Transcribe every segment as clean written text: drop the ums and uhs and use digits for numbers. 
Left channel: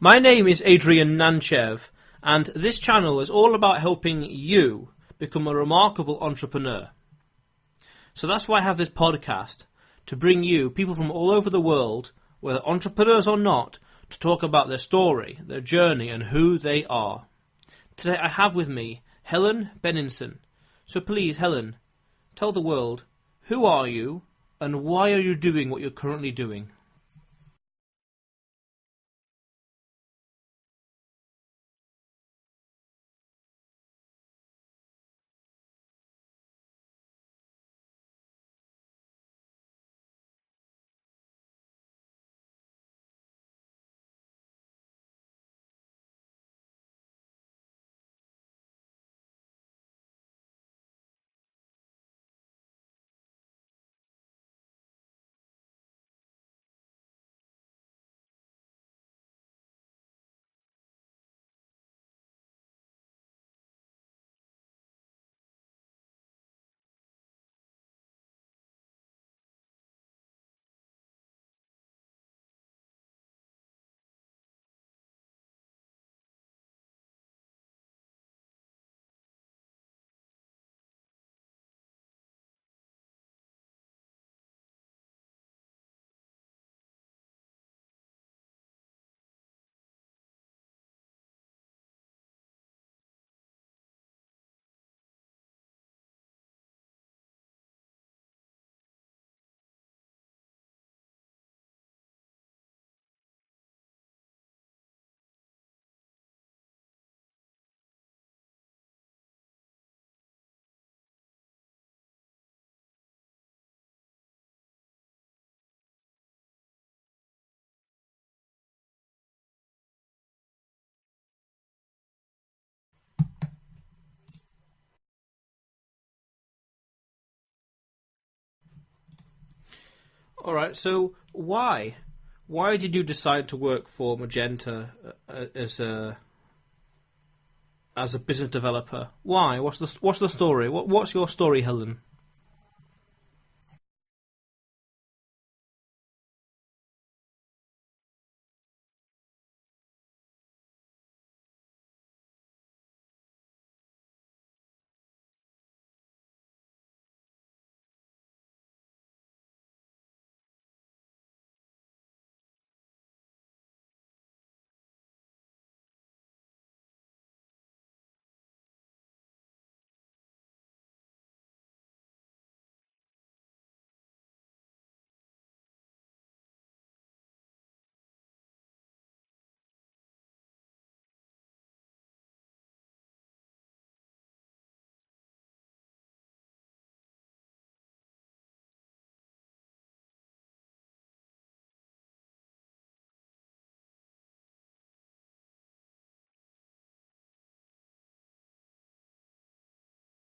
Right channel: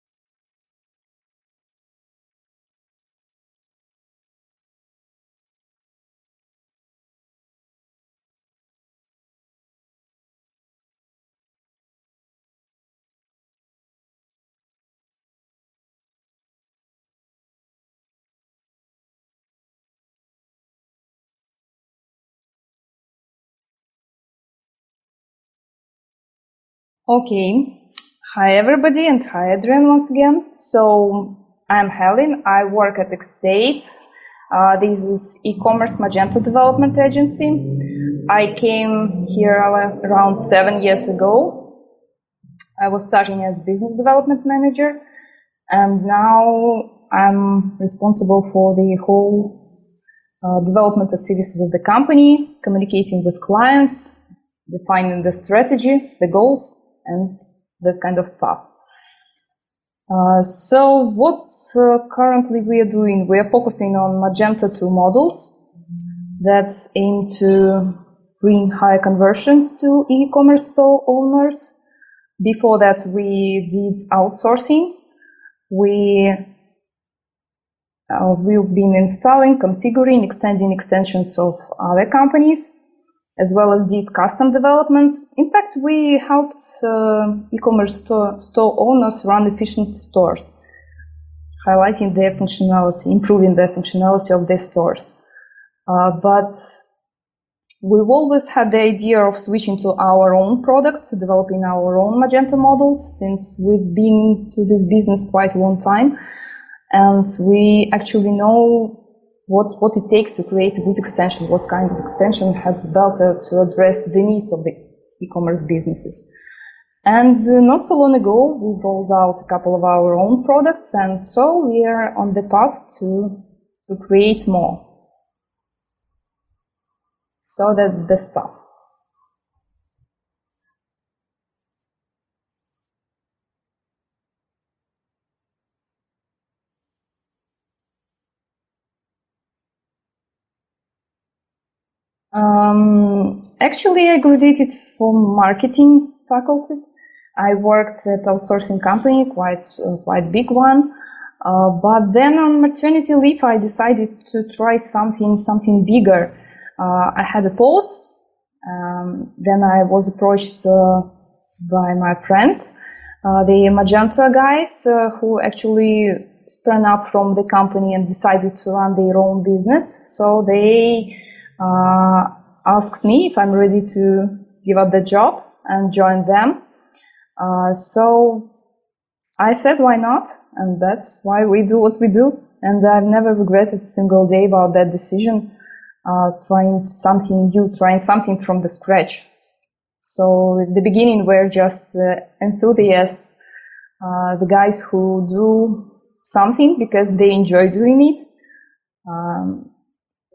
My name is Adrian Nantchev, and this channel is all about helping you become a remarkable entrepreneur. So that's why I have this podcast, to bring you people from all over the world, whether entrepreneurs or not, to talk about their story, their journey, and who they are. Today I have with me Helen Beninson. So please, Helen, tell the world, who are you and why are you doing what you're currently doing? Okay. Hi everybody, and hi Adrian once again. So I'm Helen. I work at Xstate. This is e-commerce Magento development agency. I came here around 7 years ago. I was starting as business development manager, and now I'm responsible for the whole development activities of the company, communicating with clients, defining the strategy, the goals, and this kind of stuff. So what currently we are doing, we are focusing on Magenta 2 models that aim to bring higher conversions to e-commerce store owners. Before that, we did outsourcing. We've been installing, configuring, extending extensions of other companies, as well as did custom development. In fact, we helped e-commerce store owners run efficient stores, highlighting their functionality, improving the functionality of their stores. But we've always had the idea of switching to our own products, developing our own Magento models, since we've been to this business quite a long time, and we actually know what it takes to create a good extension, what kind of extension has better to address the needs of the e-commerce businesses. And not so long ago, we rolled out a couple of our own products, and so we are on the path to create more. So that's the stuff. All right, so why did you decide to work for Magenta as a business developer? Why? What's the story? What's your story, Helen? Actually, I graduated from marketing faculty. I worked at outsourcing company, quite big one. But then on maternity leave, I decided to try something bigger. I had a pause. Then I was approached by my friends, the Magenta guys, who actually sprang up from the company and decided to run their own business. So they asked me if I'm ready to give up the job and join them. So I said, why not? And that's why we do what we do. And I've never regretted a single day about that decision, trying something new, trying something from the scratch. So at the beginning, we're just enthusiasts, the guys who do something because they enjoy doing it,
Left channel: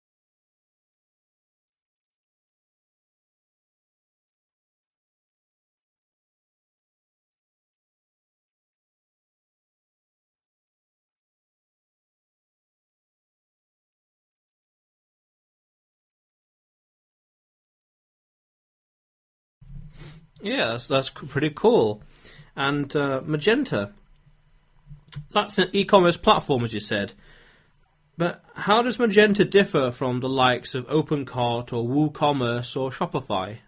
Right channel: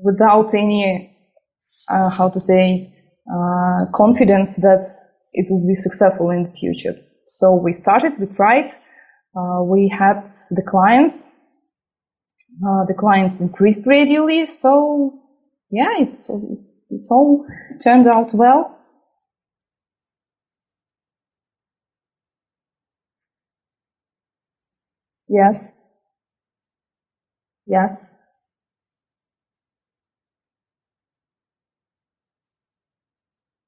without any, confidence that it will be successful in the future. So we started, we tried, we had the clients increased gradually. So yeah, it's all turned out well. Yeah, that's pretty cool. And Magenta. Yes. That's an e-commerce platform, as you said. Yes. But how does Magenta differ from the likes of OpenCart or WooCommerce or Shopify?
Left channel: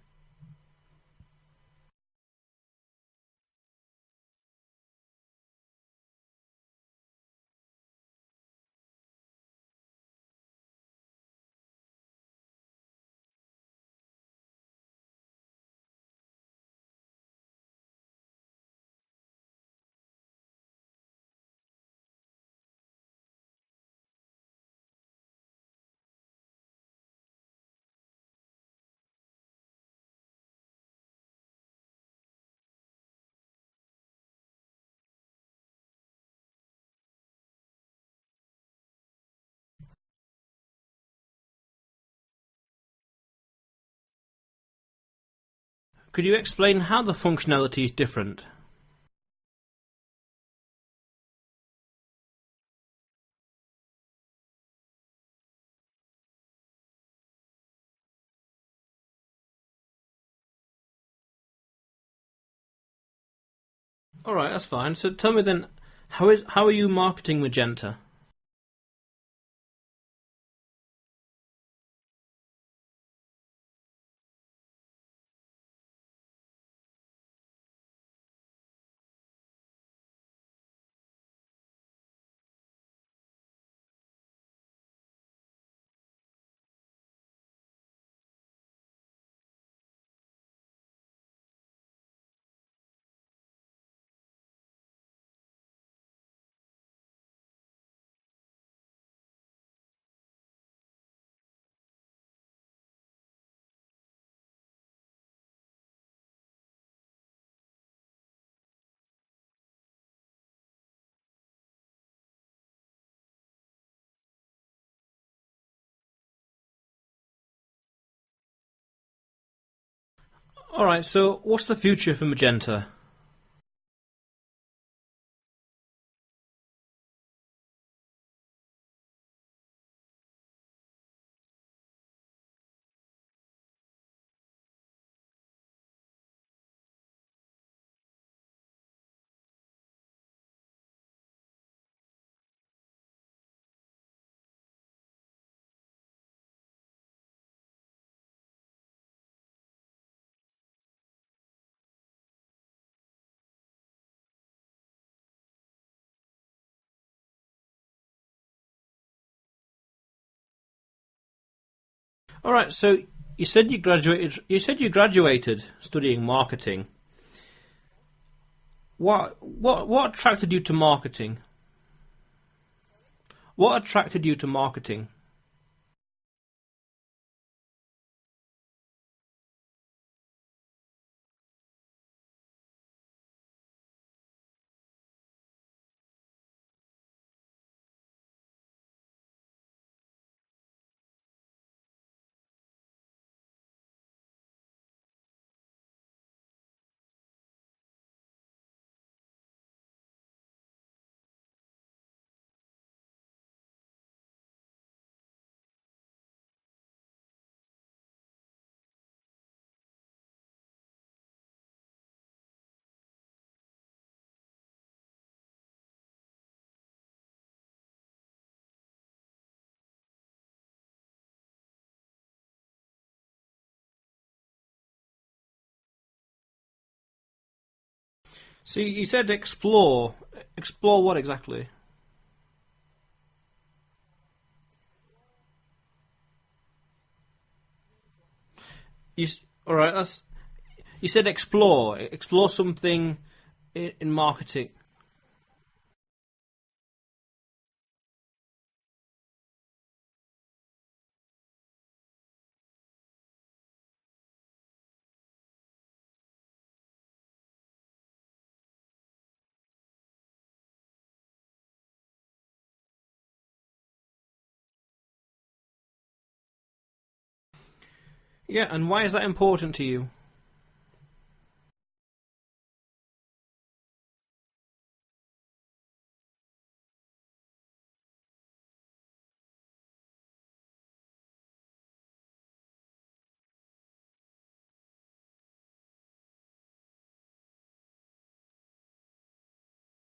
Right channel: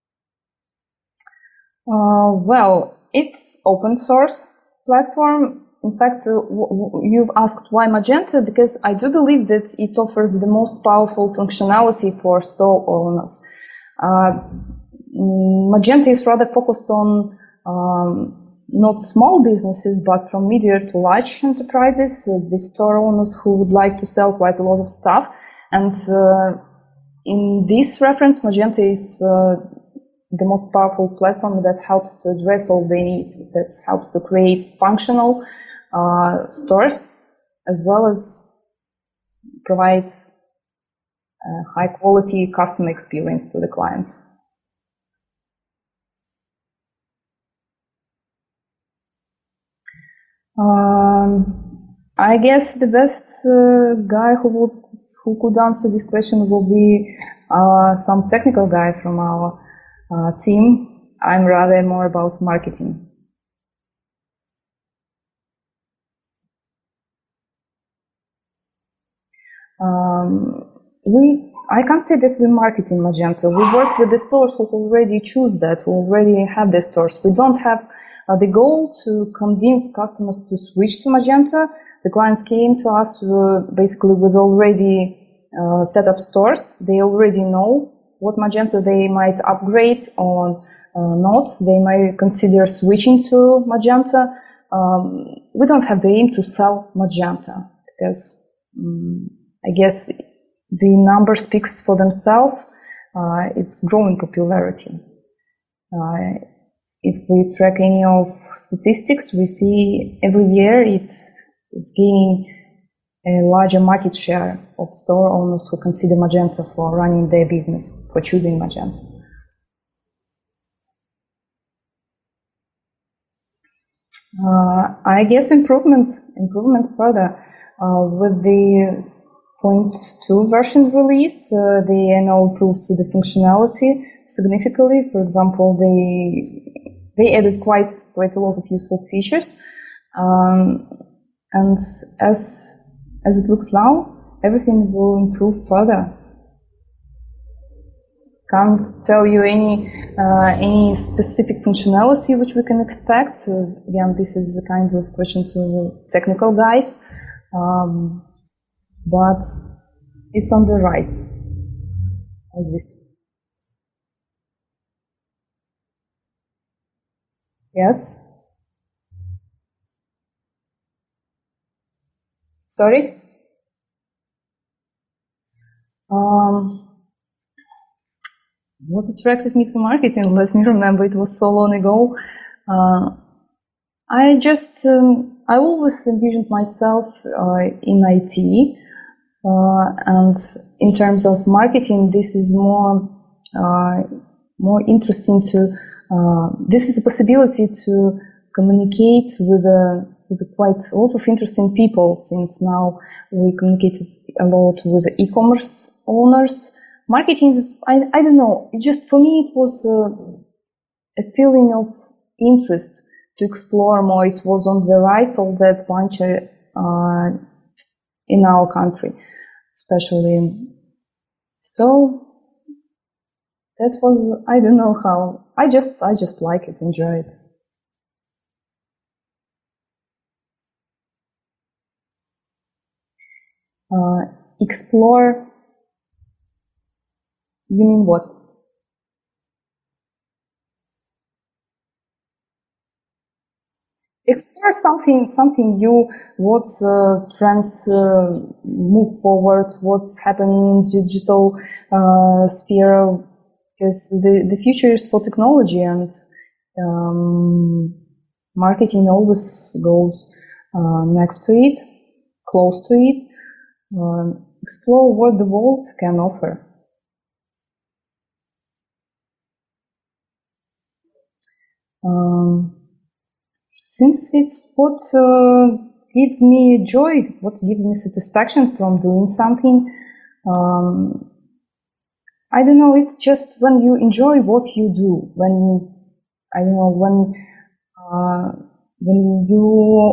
Well, it's open source platform. In fact, you've asked why Magenta, because I do believe that it offers the most powerful functionality for store owners. Magenta is rather focused on not small businesses, but from medium to large enterprises, the store owners who would like to sell quite a lot of stuff. And in this reference, Magenta is the most powerful platform that helps to address all the needs, that helps to create functional stores, as well as provide high quality customer experience to the clients. Could you explain how the functionality is different? I guess the best guy who could answer this question will be some technical guy from our team. I'm rather more about marketing. All right, that's fine. So tell me then, How are you marketing Magenta? I can't say that we market in Magento. We work with the stores who already choose that, who already have the stores. We don't have the goal to convince customers to switch to Magenta. The clients came to us basically with already set up stores. They already know what Magenta they might upgrade or not. They might consider switching to Magenta. We don't have the aim to sell Magenta because I guess the number speaks for themselves. It's growing popularity. If we track any of statistics, we see every year it's gaining a larger market share of store owners who consider Magenta for running their business, for choosing Magenta. All right, so what's the future for Magenta? I guess improvement further. With the 0.2 version release, they now improves the functionality significantly. For example, they added quite a lot of useful features, and as it looks now, everything will improve further. Can't tell you any specific functionality which we can expect. Again, this is a kind of question to technical guys, but it's on the rise. All right, so you said you graduated. You said you graduated studying marketing. Yes. What attracted you to marketing? Sorry? What attracted you to marketing? What attracted me to marketing? Let me remember, it was so long ago. I always envisioned myself in IT, and in terms of marketing, this is more interesting this is a possibility to communicate with quite a lot of interesting people, since now we communicated a lot with e-commerce owners. Marketing is, I don't know, just for me it was a feeling of interest to explore more. It was on the rise of that bunch in our country, especially. So that was, I don't know how, I just like it, enjoy it. So you said explore. Explore what exactly? Explore. You mean what? All right. You said explore. Explore something in marketing. Explore something new. What trends move forward? What's happening in digital sphere? Because the future is for technology, and marketing always goes next to it, close to it. Explore what the world can offer. Yeah, and why is that important to you? Since it's what gives me joy, what gives me satisfaction from doing something. I don't know, it's just when you enjoy what you do, when you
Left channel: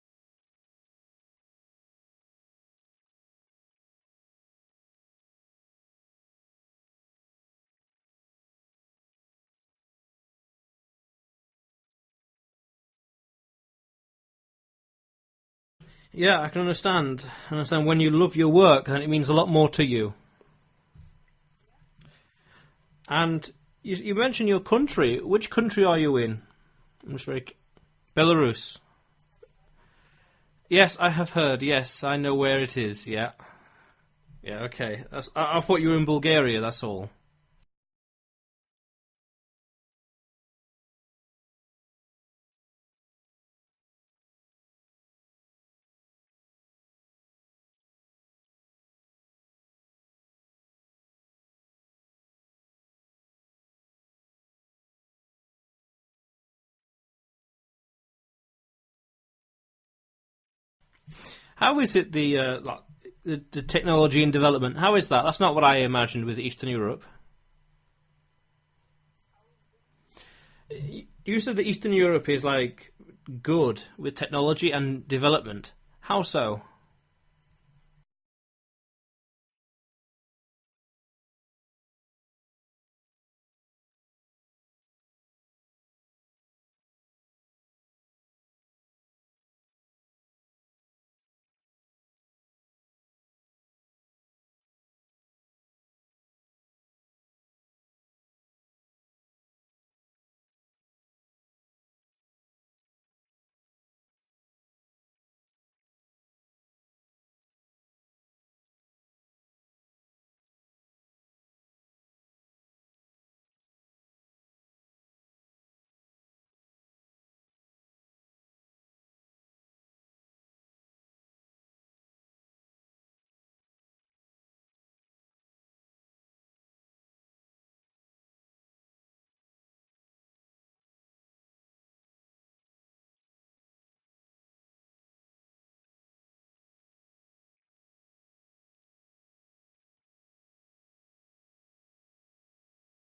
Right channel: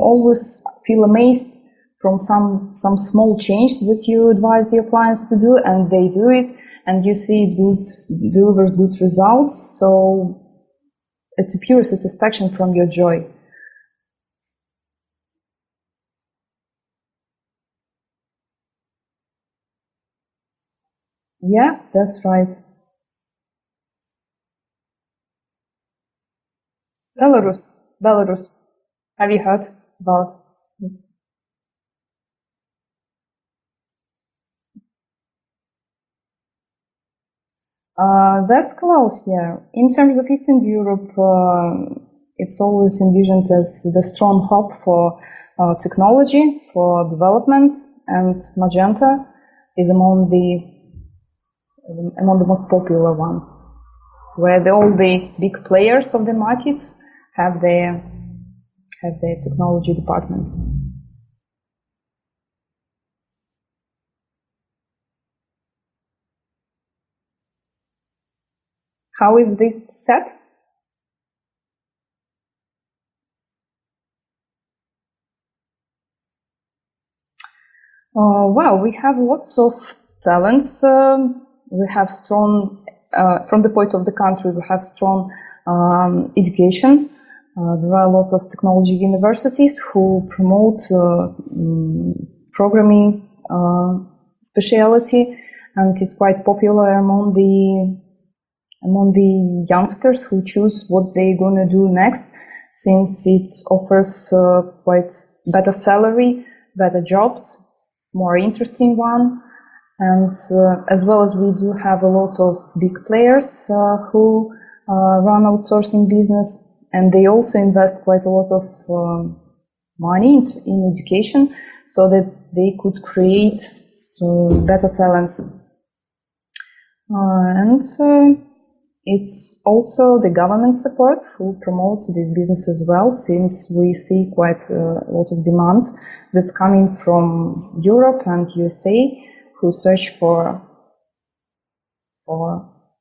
always feel amazed from some small change that you advise your clients to do, and they do it, and you see it delivers good results. So it's a pure satisfaction from your joy. Yeah, I can understand. When you love your work, then it means a lot more to you. Yeah, that's right. And you mentioned your country. Which country are you in? Belarus. Belarus. Have you heard about? Yes, I have heard. Yes, I know where it is. Yeah. Yeah, okay. I thought you were in Bulgaria, that's all. That's close, yeah. In terms of Eastern Europe, it's always envisioned as the strong hub for technology, for development, and Magenta is among the most popular ones, where all the big players of the markets have their technology departments. How is it the technology and development? How is that? That's not what I imagined with Eastern Europe. How is this set? You said that Eastern Europe is like good with technology and development. How so? Well, we have lots of talents. We have strong, from the point of the country, we have strong education. There are a lot of technology universities who promote programming specialty, and it's quite popular among the youngsters who choose what they're gonna do next, since it offers quite better salary, better jobs, more interesting one, and as well as we do have a lot of big players who run outsourcing business, and they also invest quite a lot of money in education so that they could create better talents. And it's also the government support who promotes this business as well, since we see quite a lot of demand that's coming from Europe and USA, who search for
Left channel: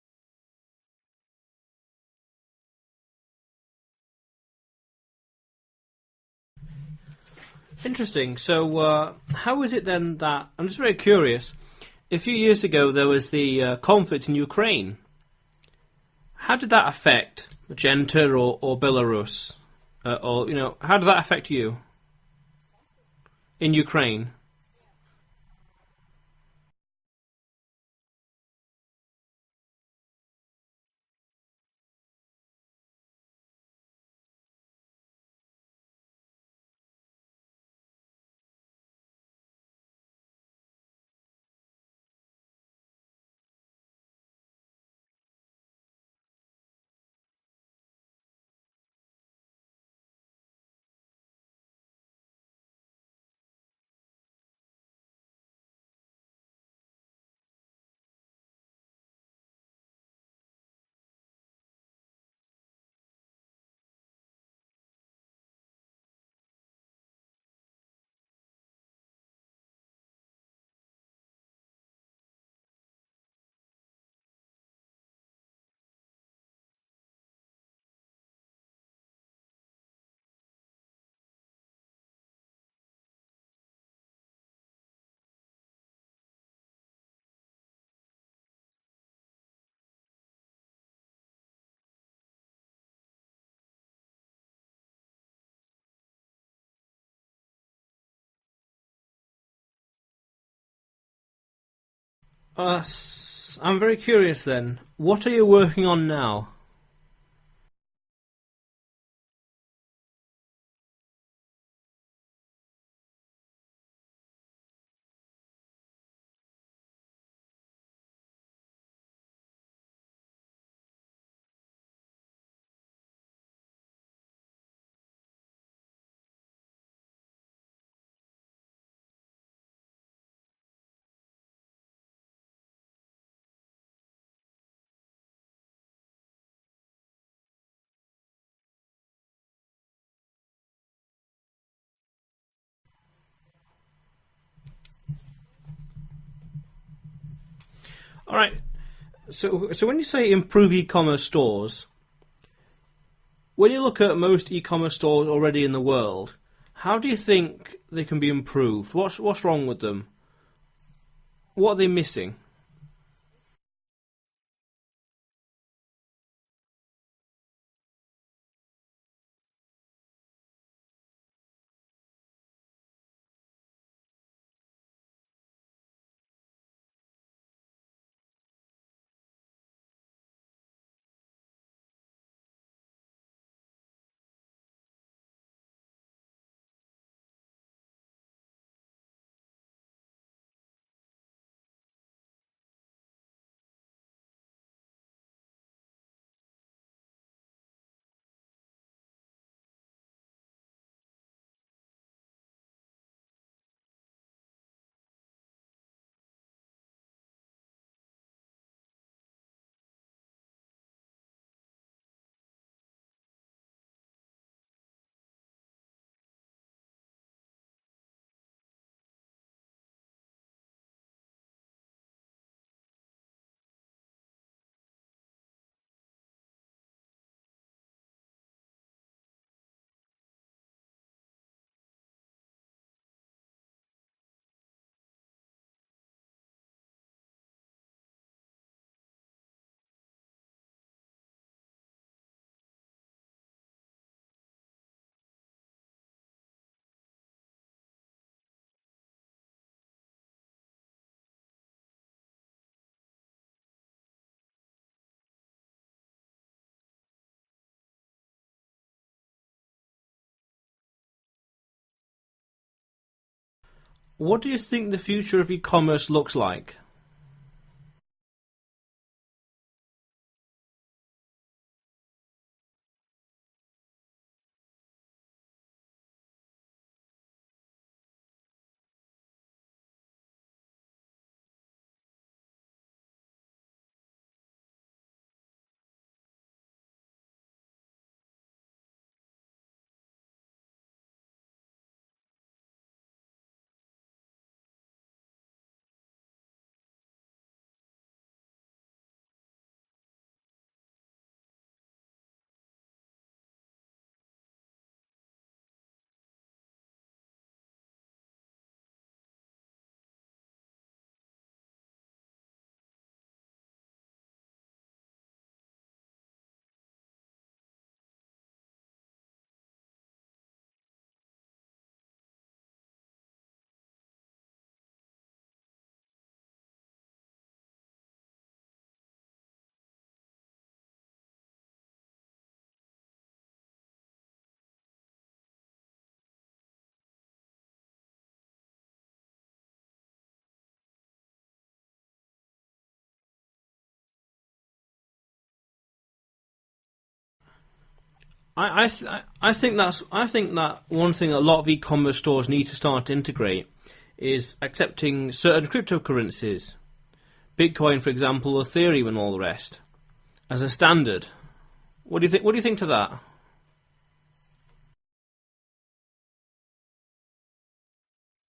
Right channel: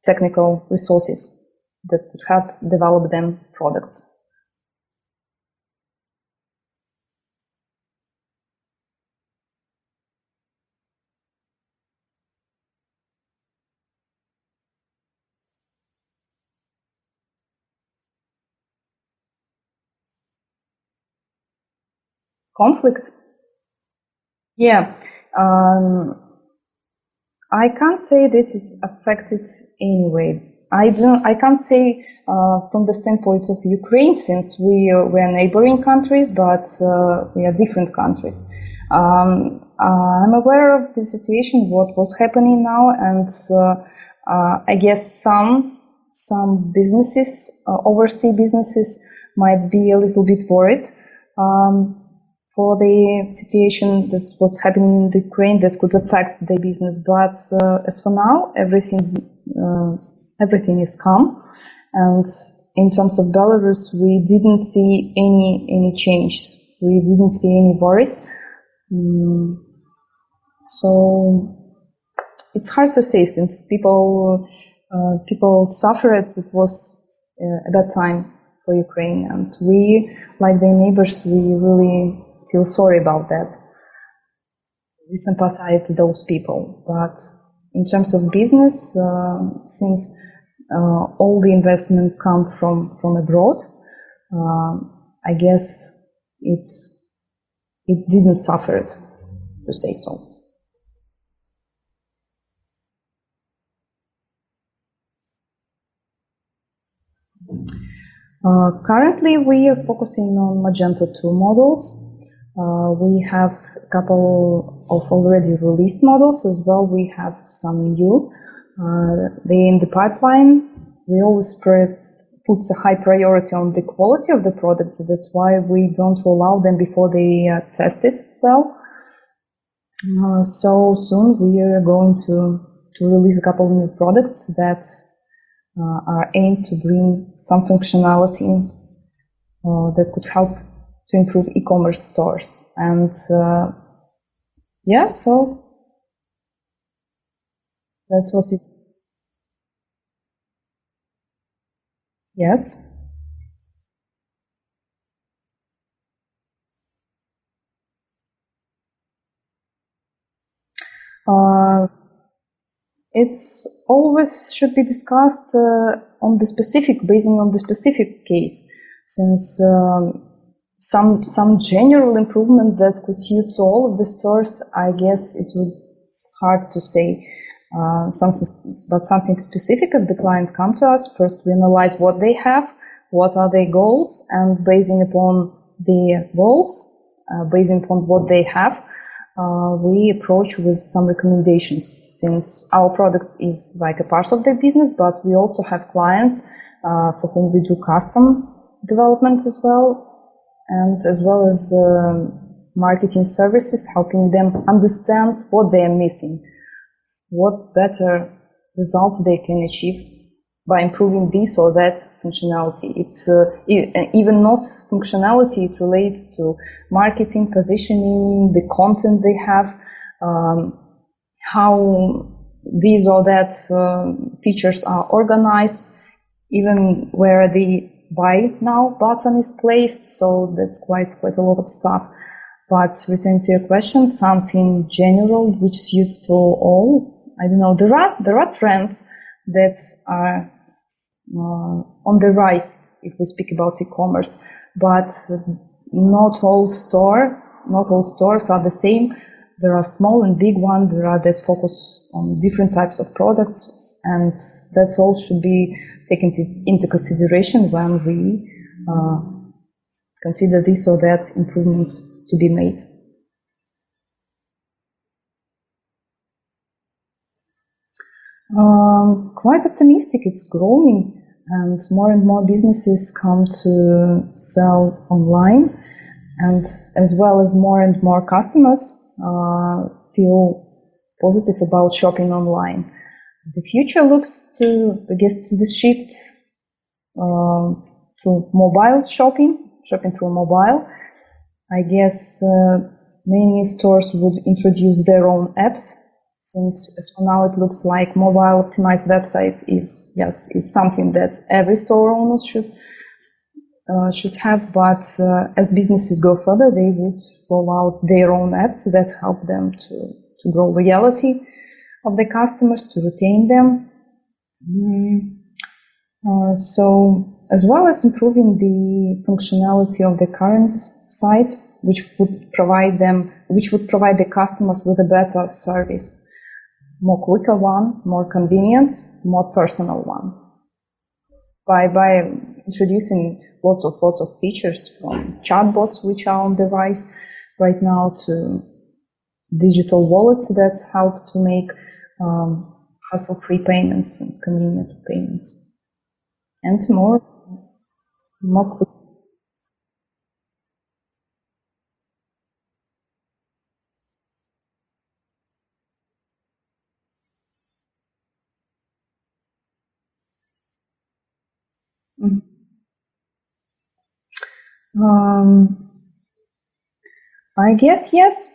technical resources that could help develop them products. Interesting. So how is it then that, I'm just very curious, a few years ago there was the conflict in Ukraine. How did that affect Magenta or Belarus? Or, you know, how did that affect you? Conflict? In Ukraine? Yeah. I can't say that it's affected anyway. I can't say from the standpoint of Ukraine, since we are neighboring countries, but we are different countries. I'm aware of the situation, what was happening now, and I guess some businesses, overseas businesses, might be a little bit worried for the situation that's what's happening in the Ukraine that could affect their business. But as for now, everything is calm. And in terms of Belarus, we didn't see any change. We didn't see any worries. So it's hard to say, since people suffered. It was at that time for Ukraine, and we, like their neighbors, we really feel sorry about that. We sympathize with those people. But in terms of business, since all the investment come from abroad, I guess it didn't suffer it, to say so. I'm very curious then. What are you working on now? Currently, we are focusing on Magento 2 models. We have a couple of already released models as well. We have some new. They're in the pipeline. We always put a high priority on the quality of the products. That's why we don't roll out them before they are tested well. So soon we are going to release a couple of new products that are aimed to bring some functionality that could help to improve e-commerce stores. And yeah, so that's what it. So when you say improve e-commerce stores, yes. When you look at most e-commerce stores already in the world, how do you think they can be improved? What's wrong with them? What are they missing? It's always should be discussed on the specific, based on the specific case, since some general improvement that could suit all of the stores, I guess it would hard to say. Something specific. If the clients come to us, first we analyze what they have, what are their goals, and basing upon the goals, basing upon what they have, we approach with some recommendations. Since our product is like a part of their business, but we also have clients for whom we do custom development as well, and as well as marketing services, helping them understand what they are missing, what better results they can achieve by improving this or that functionality. It's even not functionality, it relates to marketing, positioning, the content they have, how these or that features are organized, even where the buy now button is placed. So that's quite a lot of stuff But returning to your question, something general which suits to all. I don't know. There are trends that are on the rise if we speak about e-commerce, but not all stores are the same. There are small and big ones. There are that focus on different types of products, and that's all should be taken into consideration when we consider this or that improvements to be made. What do you think the future of e-commerce looks like? Quite optimistic. It's growing, and more businesses come to sell online, and as well as more and more customers feel positive about shopping online. The future looks to the shift to mobile shopping through mobile. I guess many stores would introduce their own apps, since as for now it looks like mobile optimized websites it's something that every store owner should have. But as businesses go further, they would roll out their own apps that help them to grow loyalty of the customers, to retain them. So as well as improving the functionality of the current site, which would provide the customers with a better service, more quicker one, more convenient, more personal one. By introducing lots of features, from chatbots, which are on the rise right now, to digital wallets that help to make hassle-free payments and convenient payments, and more. I think that one thing a lot of e-commerce stores need to start to integrate is accepting certain cryptocurrencies, Bitcoin, for example, Ethereum, and all the rest, as a standard. What do you think? What do you think to that? I guess yes.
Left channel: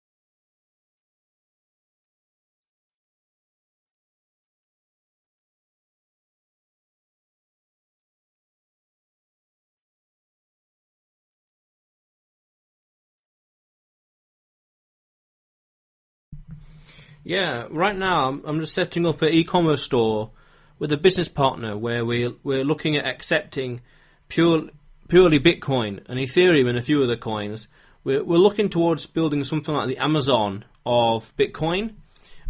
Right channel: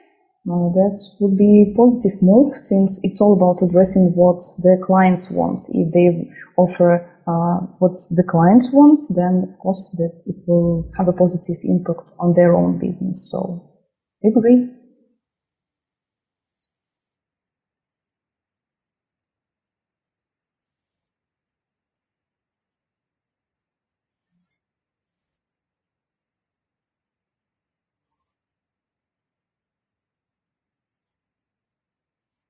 That would be a positive move, since it's all about addressing what the clients want. If they offer what the clients want, then of course that it will have a positive impact on their own business. So, I agree. Yeah, right now I'm just setting up an e-commerce store with a business partner where we're looking at accepting purely Bitcoin and Ethereum and a few other coins. We're looking towards building something like the Amazon of Bitcoin,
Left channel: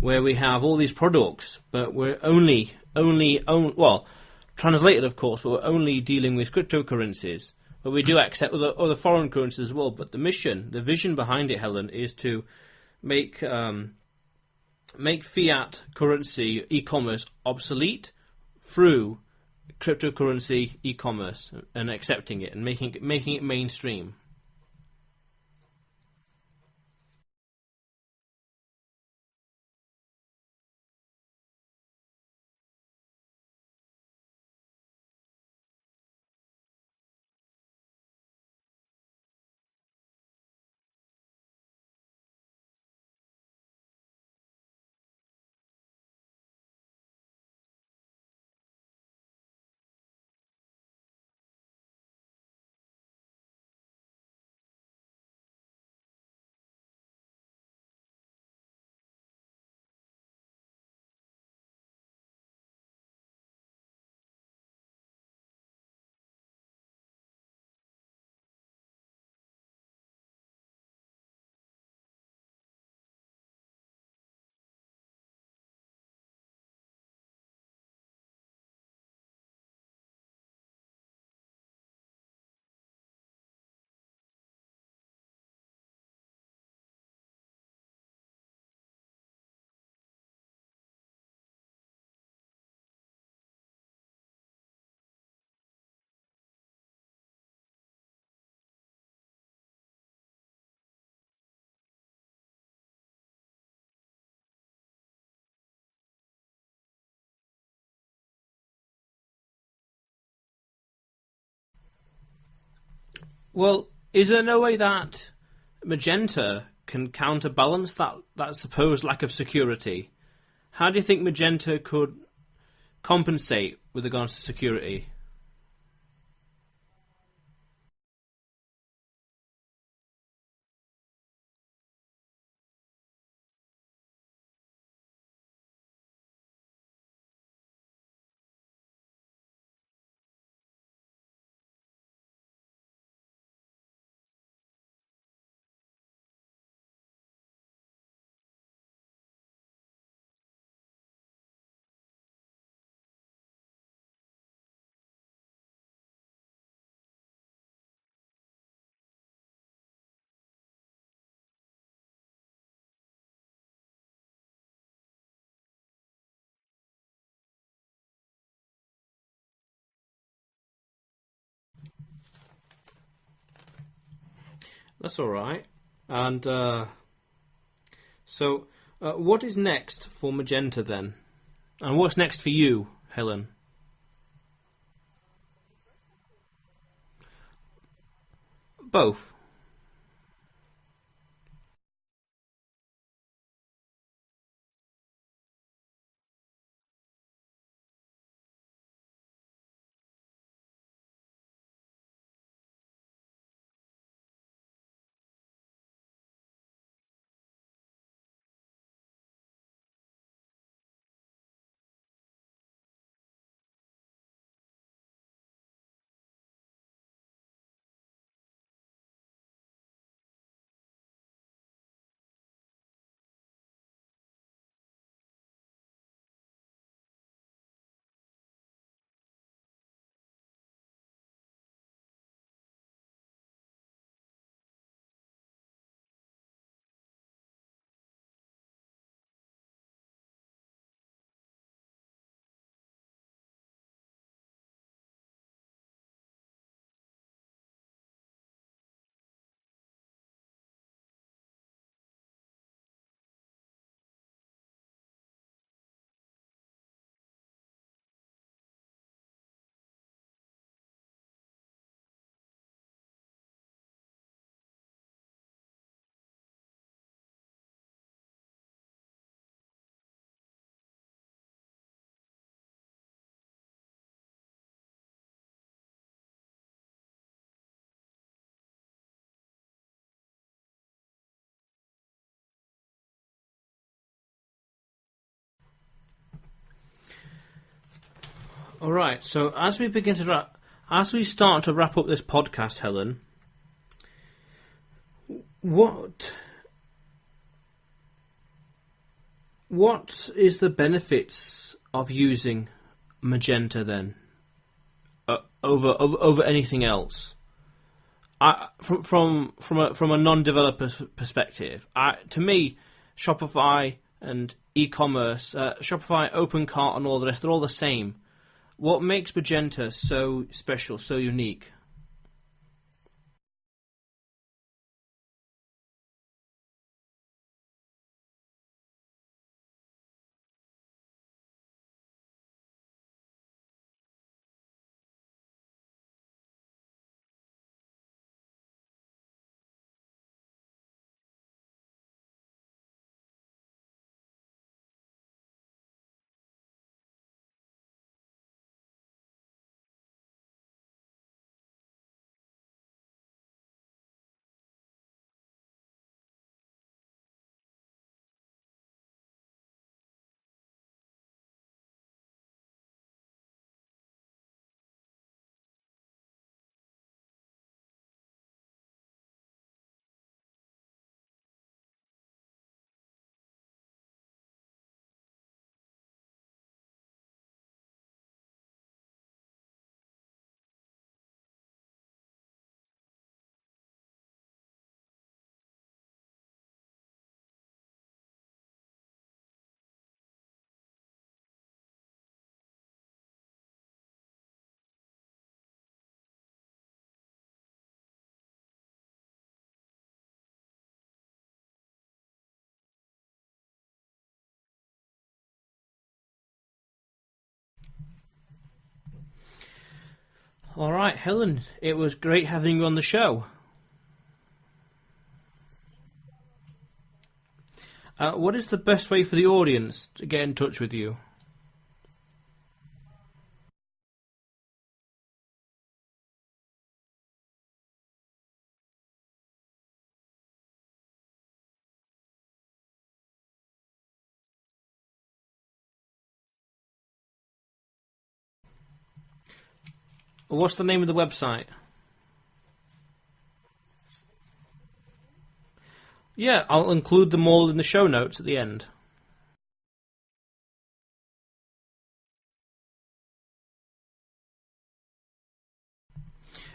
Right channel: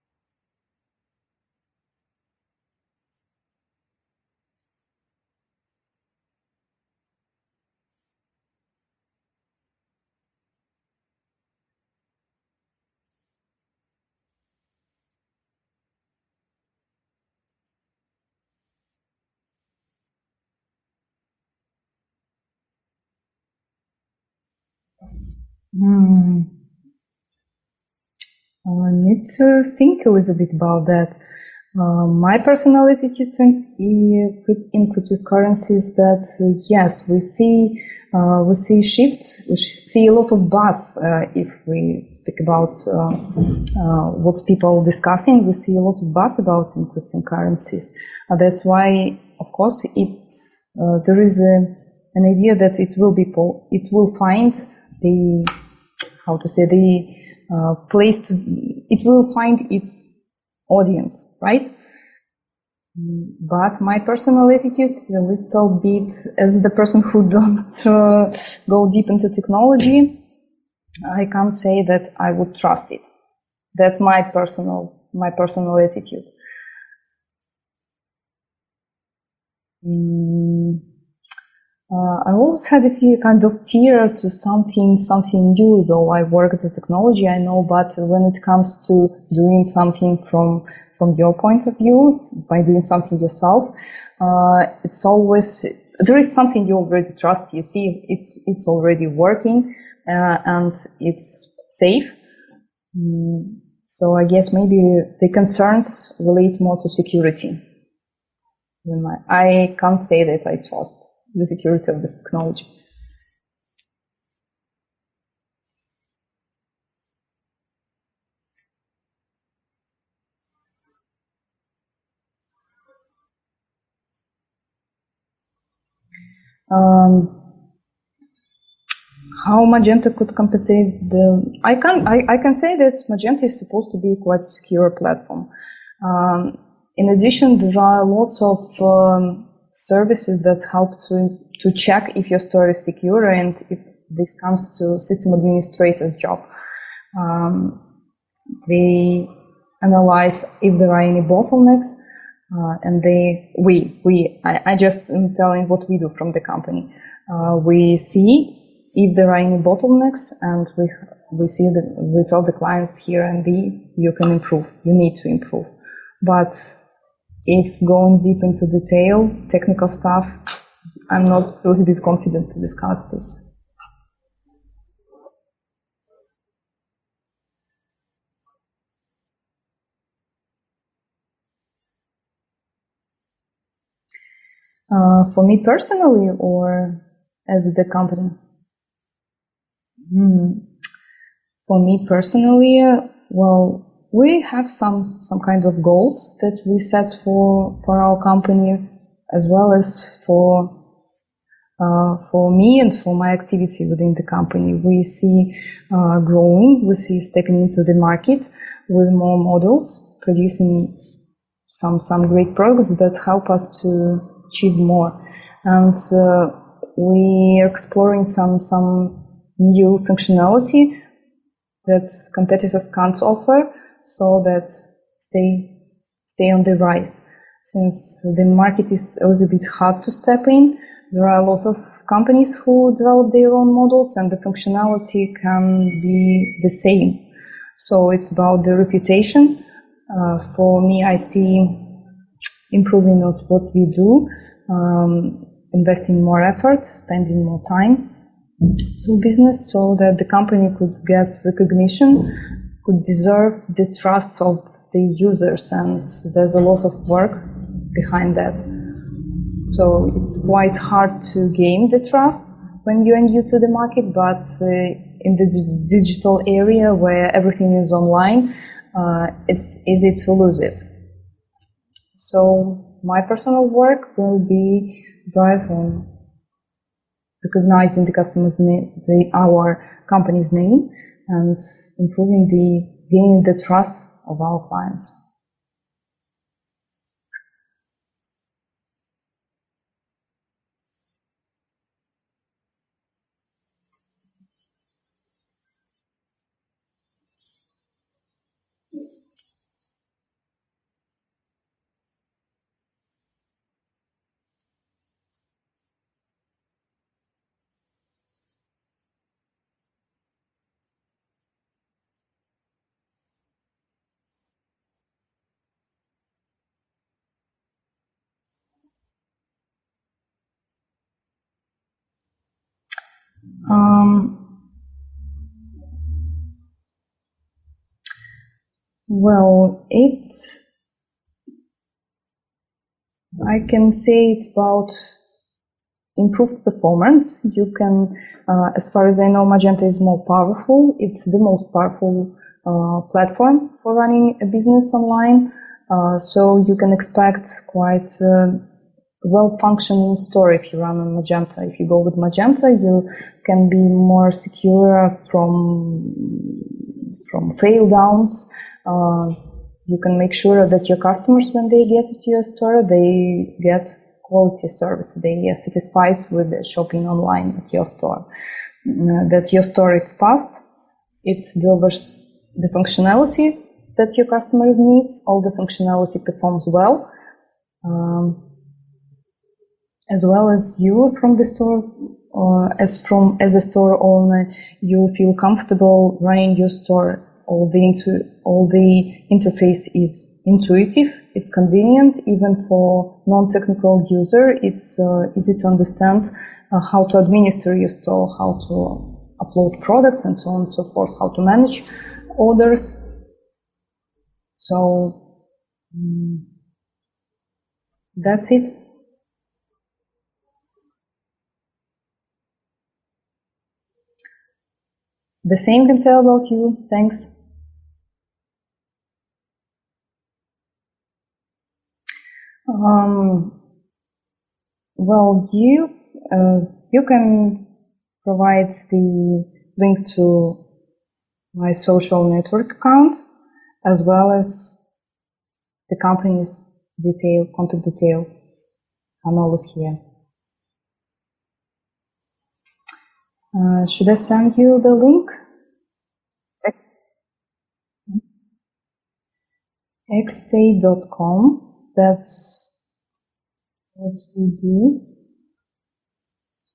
where we have all these products, but we're only translated, of course, but we're only dealing with cryptocurrencies. But we do accept other foreign currencies as well. But the vision behind it, Helen, is to make fiat currency e-commerce obsolete through cryptocurrency e-commerce and accepting it and making it mainstream. I need to think a little bit about that. My personal attitude in cryptocurrencies is that yes, we see shift. We see a lot of buzz. If we speak about what people are discussing, we see a lot of buzz about encrypting currencies. That's why, of course, there is an idea that it will find the it will find its audience, right? But my personal attitude, a little bit, as the person who don't go deep into technology, I can't say that I would trust it. That's my personal attitude. I always had a kind of fear to something new, though I work at the technology, I know, but when it comes to doing something from your point of view, by doing something yourself, it's always, there is something you already trust, you see it's already working, and it's safe. So I guess maybe the concerns relate more to security. I can't say that I trust the security of this technology. Well, is there no way that Magenta can counterbalance that supposed lack of security? How do you think Magenta could compensate with regards to security? how Magenta could compensate I can say that Magenta is supposed to be quite a secure platform. In addition, there are lots of services that help to check if your store is secure, and if this comes to system administrator's job. They analyze if there are any bottlenecks, and I just am telling what we do from the company. We see if there are any bottlenecks, and we see that we tell the clients here and there, you can improve, you need to improve. But if going deep into detail, technical stuff, I'm not really bit confident to discuss this. That's all right. And so what is next for Magenta then? And what's next for you, Helen? For me personally, or as the company? Both. For me personally, well, we have some kind of goals that we set for our company, as well as for me and for my activity within the company. We see growing, we see stepping into the market with more models, producing some great products that help us to achieve more. And we are exploring some new functionality that competitors can't offer, so that stay on the rise. Since the market is a little bit hard to step in, there are a lot of companies who develop their own models, and the functionality can be the same. So it's about the reputation. For me, I see improving of what we do, investing more effort, spending more time in business, so that the company could get recognition, could deserve the trust of the users, and there's a lot of work behind that. So it's quite hard to gain the trust when you're new to the market, but in the digital area where everything is online, it's easy to lose it. So my personal work will be drive on recognizing the customer's name, our company's name, and gaining the trust of our clients. All right. So as we start to wrap up this podcast, Helen, what is the benefits of using Magenta then over anything else? From a non-developer's perspective, to me, Shopify and e-commerce, Shopify, OpenCart, and all the rest, they're all the same. What makes Magenta so special, so unique? Well, I can say it's about improved performance. You can, as far as I know, Magenta is more powerful. It's the most powerful platform for running a business online. So you can expect quite well-functioning store if you run on Magenta. If you go with Magenta, you can be more secure from fail downs. You can make sure that your customers, when they get to your store, they get quality service. They are satisfied with the shopping online at your store. That your store is fast. It delivers the functionality that your customer needs. All the functionality performs well. As well as you from the store, as a store owner, you feel comfortable running your store. All the interface is intuitive, it's convenient, even for non-technical user. It's easy to understand how to administer your store, how to upload products, and so on and so forth, how to manage orders. So that's it. All right, Helen, it was great having you on the show. The same can tell about you. Thanks. What is the best way for the audience to get in touch with you? Well, you can provides the link to my social network account, as well as the company's contact detail. I'm always here. What's the name of the website? Should I send you the link? Yeah, I'll include them all in the show notes at the end. xstay.com. That's what we do.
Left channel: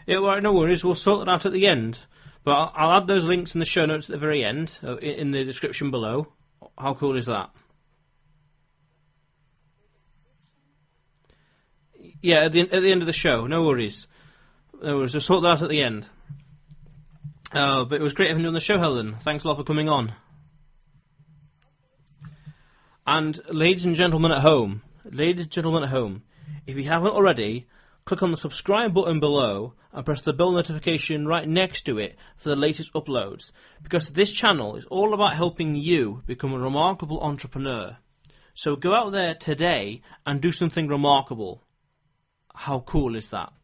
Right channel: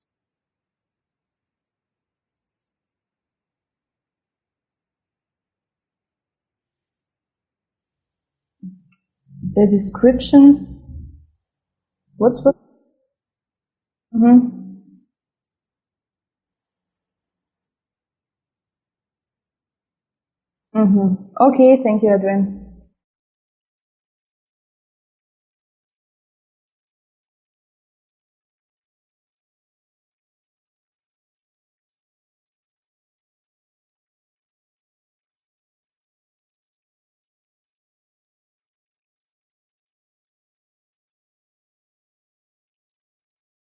Yeah, well, no worries. We'll sort it out at the end. But I'll add those links in the show notes at the very end, in the description below. How cool is that? The description? Yeah, at the end of the show. No worries. Mm-hmm. No worries. We'll sort that out at the end. But it was great having you on the show, Helen. Thanks a lot for coming on. Mm-hmm. Okay, thank you, Adrian. And ladies and gentlemen at home, if you haven't already, click on the subscribe button below and press the bell notification right next to it for the latest uploads, because this channel is all about helping you become a remarkable entrepreneur. So go out there today and do something remarkable. How cool is that?